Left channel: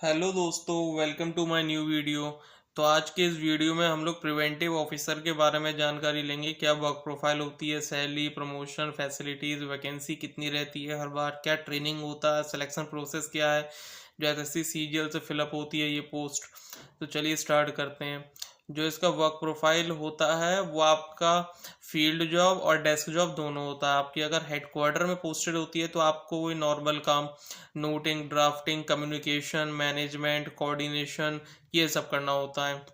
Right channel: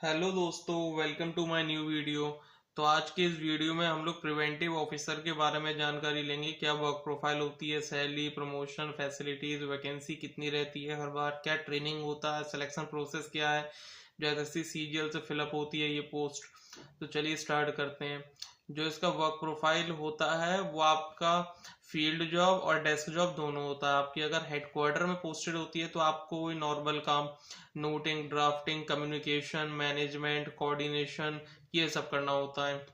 Hello दोस्तों, welcome to my new video. तो आज के इस वीडियो में हम लोग प्रिवेंटिव ऑफिसर के बारे में जानकारी लेंगे। क्या वर्क प्रोफाइल होती है, सैलरी, प्रमोशन, फैसिलिटीज, वैकेंसी कितनी रहती है हर बार, क्या ट्रेनिंग होता है, सिलेक्शन प्रोसेस क्या है, जो एसएससी सीजीएल से फिलअप होती है ये पोस्ट। तो चलिए स्टार्ट करते हैं। जो इसका वर्क प्रोफाइल होता है वो आपका फील्ड जॉब और डेस्क जॉब दोनों होता है। आपकी अगर हेडक्वार्टर में पोस्टेड होती है तो आपको वही नॉर्मल काम, noting, drafting, communication, management, coordination, ये सब करना होता है।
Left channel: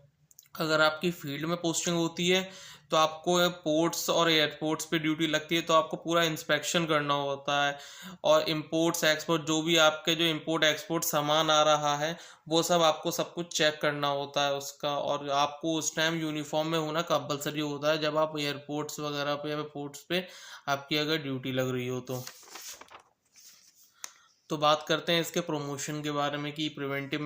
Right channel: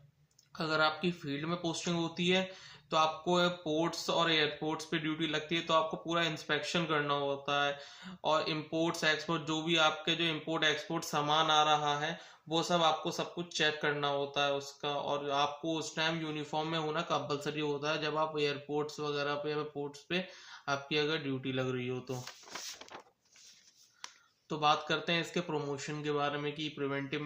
अगर आपकी फील्ड में पोस्टिंग होती है तो आपको पोर्ट्स और एयरपोर्ट्स पे ड्यूटी लगती है, तो आपको पूरा इंस्पेक्शन करना होता है। और इम्पोर्ट्स एक्सपोर्ट, जो भी आपके जो इम्पोर्ट एक्सपोर्ट सामान आ रहा है वो सब आपको सब कुछ चेक करना होता है उसका। और आपको उस टाइम यूनिफॉर्म में होना कंपलसरी होता है जब आप एयरपोर्ट्स वगैरह पे या पोर्ट्स पे आपकी अगर ड्यूटी लग रही हो तो बात करते हैं इसके प्रमोशन के बारे में कि प्रिवेंटिव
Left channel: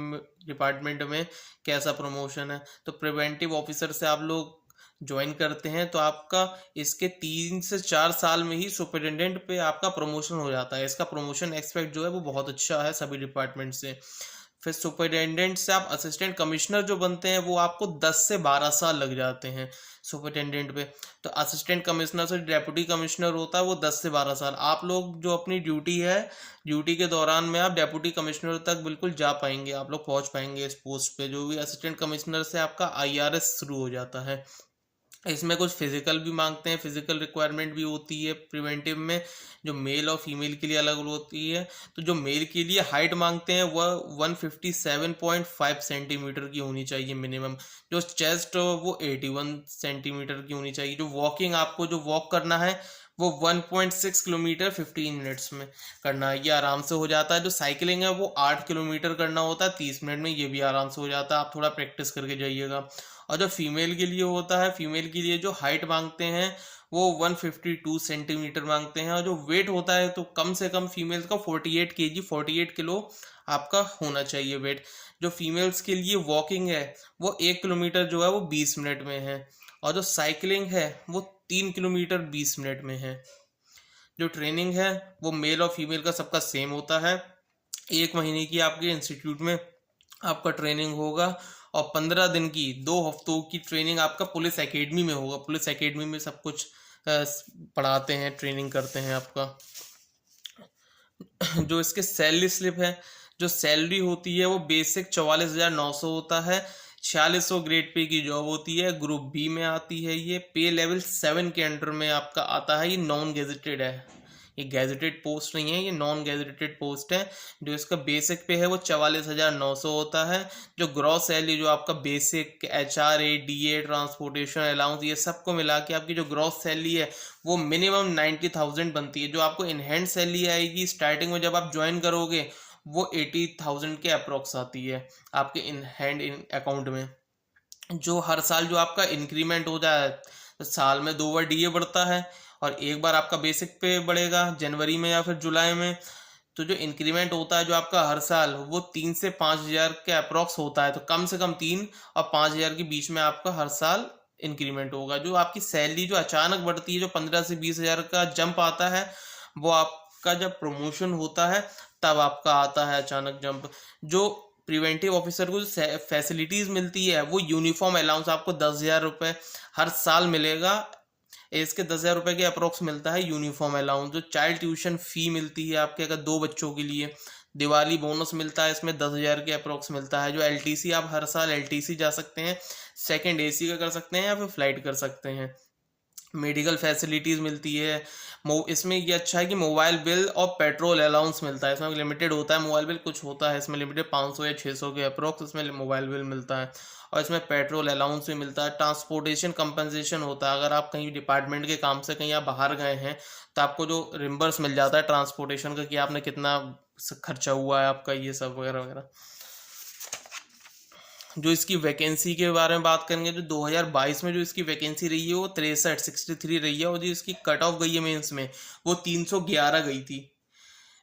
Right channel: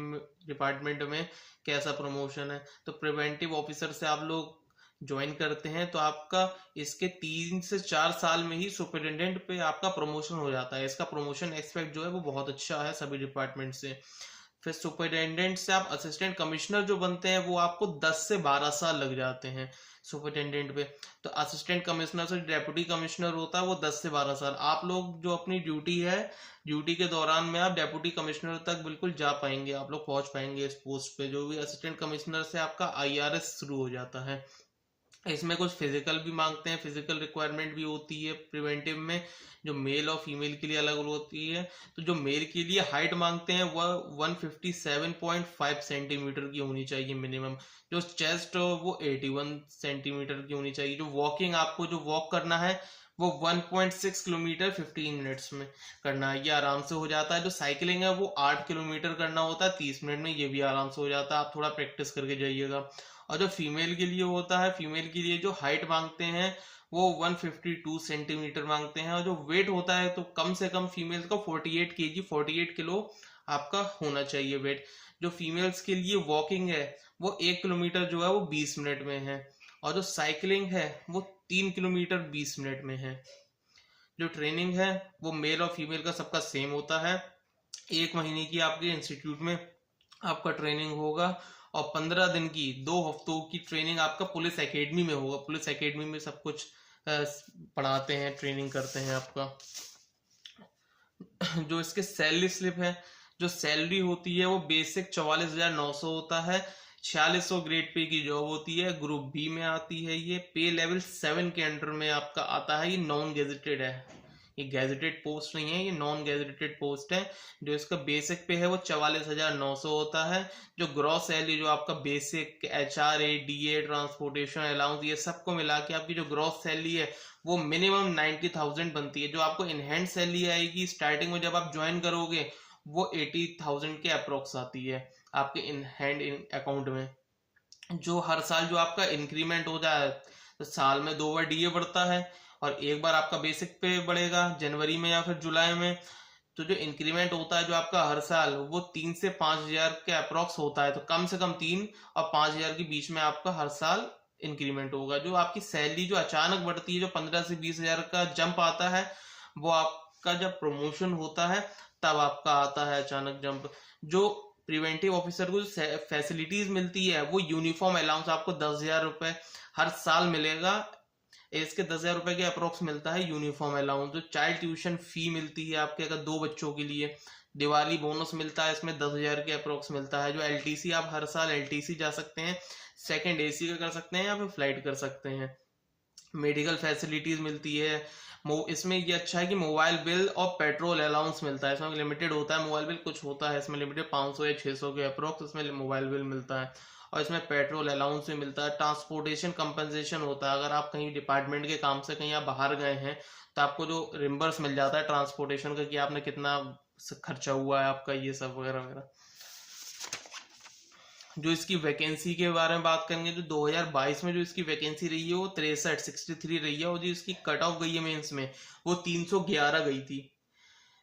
डिपार्टमेंट में कैसा प्रमोशन है। तो प्रिवेंटिव ऑफिसर से आप लोग ज्वाइन करते हैं तो आपका इसके 3 से 4 साल में ही सुपरिटेंडेंट पे आपका प्रमोशन हो जाता है। इसका प्रमोशन एक्सपेक्ट जो है वो बहुत अच्छा है सभी डिपार्टमेंट से। फिर सुपरिटेंडेंट से आप असिस्टेंट कमिश्नर जो बनते हैं वो आपको 10 से 12 साल लग जाते हैं सुपरिटेंडेंट पे। तो असिस्टेंट कमिश्नर से डेप्यूटी कमिश्नर होता है वो 10 से 12 साल। आप लोग जो अपनी ड्यूटी है, ड्यूटी के दौरान में आप डेप्यूटी कमिश्नर तक बिल्कुल जा पाएंगे, आप लोग पहुंच पाएंगे इस पोस्ट पे। जो भी असिस्टेंट कमिश्नर से आपका आईआरएस शुरू हो जाता है। इसमें कुछ फिजिकल भी मांगते हैं, फिजिकल रिक्वायरमेंट भी होती है प्रिवेंटिव में, जो मेल और फीमेल के लिए अलग अलग होती है। तो जो मेल के लिए हाइट मांगते हैं वह 157.5 सेंटीमीटर की होनी चाहिए मिनिमम। जो चेस्ट वो 81 सेंटीमीटर की होनी चाहिए। जो वॉकिंग, आपको जो वॉक करना है वो 1.6 किलोमीटर 15 मिनट्स में करना है, ये आराम से हो जाता है। जो साइकिलिंग है वो 8 किलोमीटर करना होता है 30 मिनट में, ये भी आराम से हो जाता है, आप थोड़ा प्रैक्टिस करके जाइएगा। और जो फीमेल के लिए होता है, फीमेल के लिए जो हाइट मांगते हैं वो 152 सेंटीमीटर मांगते हैं। और जो वेट होता है तो कम से कम फीमेल्स का 48 kg, 48 किलो आपका होना चाहिए वेट। जो फीमेल्स के लिए वॉकिंग है वो 1 किलोमीटर जो है वो 20 मिनट में है। और जो साइकिलिंग है वो 3 किलोमीटर 20 मिनट में है। जो ट्रेनिंग है वो मेल और फीमेल का सबका सेम होता है। 1 महीने की आपके इंस्टीट्यूट में आपका ट्रेनिंग होगा। और 15 दिन की, 2 हफ्तों की ट्रेनिंग आपका पुलिस एकेडमी में होगा। पुलिस एकेडमी में सब कुछ पढ़ाते हैं, ट्रेनिंग करते हैं आपका। जो इसके सैलरी स्लिप है, जो सैलरी होती है वो बेसिक 44,900 होता है। 4600 ग्रेड पे की जॉब होती है, ग्रुप बी में आती है। ये पे लेवल 7 के अंडर में आपका आता है। ये नॉन गेजेटेड है, ये गैजेटेड पोस्ट नहीं है, ये नॉन गैजेटेड पोस्ट है। जो इसका बेसिक पे है वो 44,900 होता है। जो ग्रॉस सैलरी, जो आपका basic, HRA, DA, transportation allowance, ये सबको मिला के आपकी जो ग्रॉस सैलरी है वो मिनिमम 90,000 बनती है। जो आपको इन हैंड सैलरी आएगी स्टार्टिंग में जब आप ज्वाइन करोगे वो 80,000 के अप्रोक्स आती है आपके इन हैंड इन अकाउंट में। जो हर साल जो आपका इंक्रीमेंट हो जाए, तो साल में 2 बार DA बढ़ता है और एक बार आपका बेसिक पे बढ़ेगा जनवरी में या फिर जुलाई में। तो जो इंक्रीमेंट होता है जो आपका हर साल, वो 3 से 5 हजार के अप्रोक्स होता है। तो कम से कम 3 और 5 हजार के बीच में आपका हर साल इंक्रीमेंट होगा। जो आपकी सैलरी जो अचानक बढ़ती है, जो 15 से 20 हजार का जंप आता है, वो आपका जब प्रमोशन होता है तब आपका आता है अचानक जंप। जो प्रिवेंटिव ऑफिसर को फैसिलिटीज मिलती है वो यूनिफॉर्म अलाउंस आपको 10,000 रुपये हर साल मिलेगा। इसके 10,000 रुपये के अप्रोक्स मिलता है यूनिफॉर्म अलाउंस। जो चाइल्ड ट्यूशन फी मिलती है आपके अगर 2 बच्चों के लिए, दिवाली बोनस मिलता है, इसमें 10,000 के अप्रोक्स मिलता है। जो LTC, आप हर साल LTC जा सकते हैं, सेकंड AC का कर सकते हैं या फिर फ्लाइट कर सकते हैं। मेडिकल फैसिलिटीज मिलती है। इसमें ये अच्छा है कि मोबाइल बिल और पेट्रोल अलाउंस मिलता है। इसमें लिमिटेड होता है मोबाइल बिल, कुछ होता है इसमें लिमिटेड 500 या 600 के अप्रोक्स इसमें मोबाइल बिल मिलता है। और इसमें पेट्रोल अलाउंस भी मिलता है। ट्रांसपोर्टेशन कंपनसेशन होता है, अगर आप कहीं डिपार्टमेंट के काम से कहीं आप बाहर गए हैं तो आपको जो रिम्बर्स मिल जाता है ट्रांसपोर्टेशन का, कि आपने कितना खर्चा हुआ है आपका, ये सब वगैरह वगैरह। जो इसकी वैकेंसी के बारे में बात करेंगे तो 2022 में जो इसकी वैकेंसी रही है वो 63 रही है। और जो इसकी कट ऑफ गई है मेंस में वो 311 गई थी।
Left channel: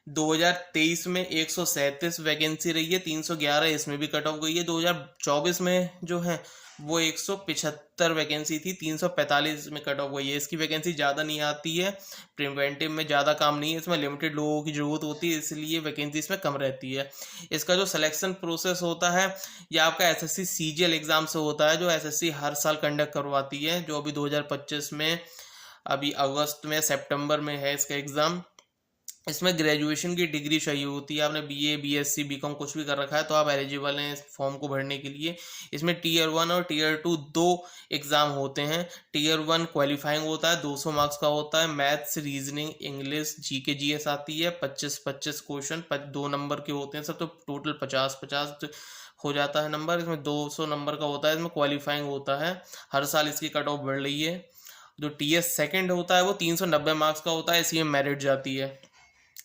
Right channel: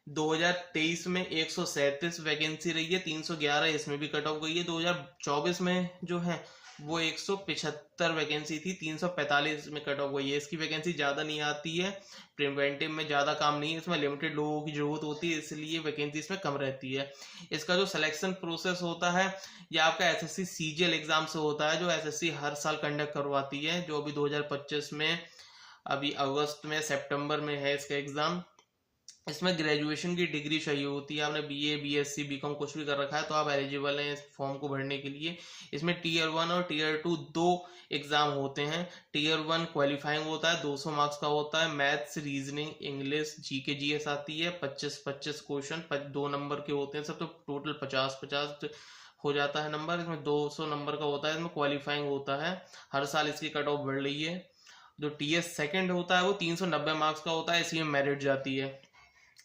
2023 में 137 वैकेंसी रही है, 311 इसमें भी कट ऑफ गई है। 2024 में जो है वो 175 वैकेंसी थी, 345 में कट ऑफ गई है। इसकी वैकेंसी ज़्यादा नहीं आती है, प्रिवेंटिव में ज़्यादा काम नहीं है, इसमें लिमिटेड लोगों की ज़रूरत होती है, इसलिए वैकेंसी इसमें कम रहती है। इसका जो सिलेक्शन प्रोसेस होता है ये आपका एसएससी सीजीएल एग्ज़ाम से होता है, जो एसएससी हर साल कंडक्ट करवाती है, जो अभी 2025 में, अभी अगस्त में, सितंबर में है इसका एग्ज़ाम। इसमें ग्रेजुएशन की डिग्री चाहिए होती है, आपने बीए, बीएससी, बीकॉम कुछ भी कर रखा है तो आप एलिजिबल हैं इस फॉर्म को भरने के लिए। इसमें टीयर 1 और टीयर 2 दो एग्ज़ाम होते हैं। टीयर 1 क्वालिफाइंग होता है, 200 मार्क्स का होता है। Maths, reasoning, English, GK GS आती है। 25-25 क्वेश्चन 2 नंबर के होते हैं सब, तो टोटल 50-50 हो जाता है नंबर। इसमें 200 नंबर का होता है, इसमें क्वालिफाइंग होता है। हर साल इसकी कट ऑफ बढ़ रही है। जो टीएस सेकेंड होता है वो 390 मार्क्स का होता है, इसी में मेरिट जाती है।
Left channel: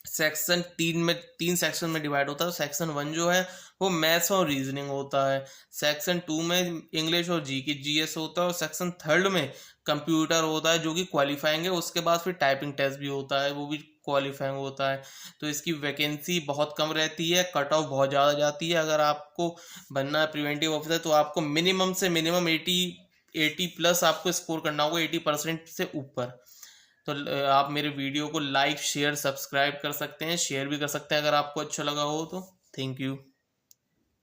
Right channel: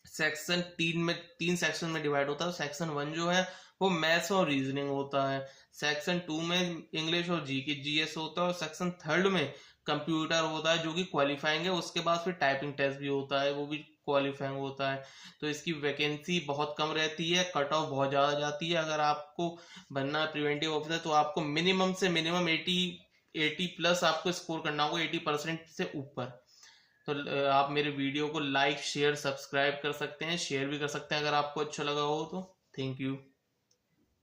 सेक्शन 3 सेक्शन में डिवाइड होता है। सेक्शन 1 जो है वो मैथ्स और रीजनिंग होता है। सेक्शन 2 में इंग्लिश और जीके जीएस होता है, और सेक्शन 3 में कंप्यूटर होता है जो कि क्वालिफाइंग है। उसके बाद फिर टाइपिंग टेस्ट भी होता है, वो भी क्वालिफाइंग होता है। तो इसकी वैकेंसी बहुत कम रहती है, कट ऑफ बहुत ज़्यादा जाती है। अगर आपको बनना है प्रिवेंटिव ऑफिसर तो आपको मिनिमम से मिनिमम 80 प्लस आपको स्कोर करना होगा, 80% से ऊपर। तो आप मेरे वीडियो को लाइक, शेयर, सब्सक्राइब कर सकते हैं, शेयर भी कर सकते हैं अगर आपको अच्छा लगा हो तो। Thank you.